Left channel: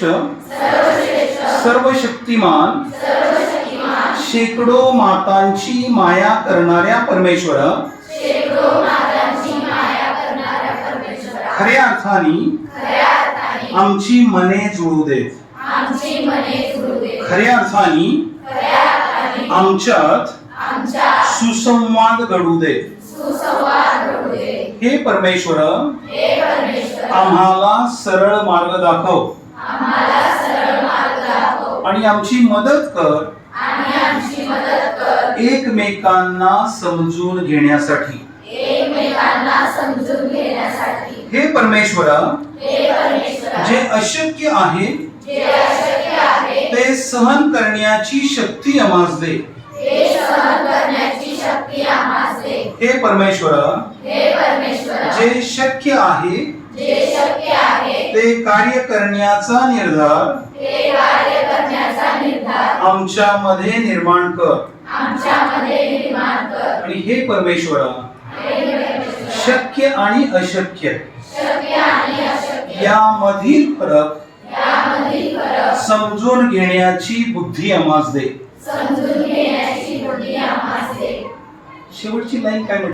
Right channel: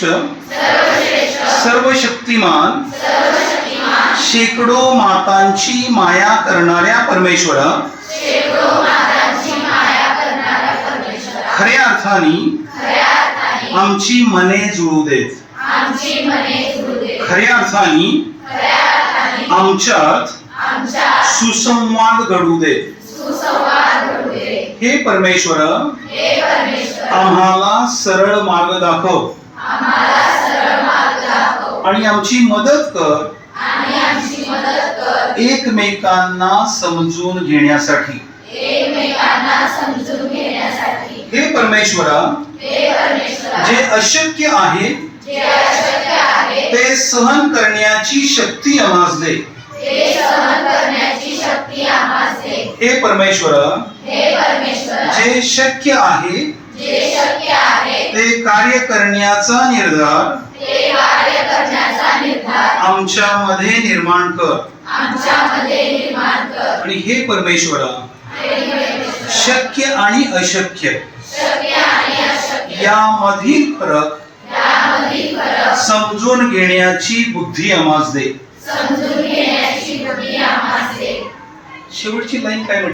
सर्वश्रेष्ठ सर्वशक्तिमान शेकडो मातांची माया करणाऱ्या परमेश्वर खऱ्या अर्थाने आमची मने जुळू देत. खऱ्या अर्थाने आमच्यात सुसंवाद घडू दे. हे परमेश्वर आम्हाला सरळ मार्ग दाखव आणि आमची मदत कर एकमेकांना समजून घेण्यासाठी. हे परमेश्वरा जे अशक्य आहे ते सहन करण्याची शक्ती आम्हास दे. हे परमेश्वरा जे शक्य आहे ते कार्य करण्याचा निर्धार आमच्यामध्ये निर्माण कर. आणि हे परमेश्वरा शक्य आणि अशक्य यामधील फरक समजून घेण्याची बुद्धी आम्हास दे. शेवटची लाईन काय म्हटली?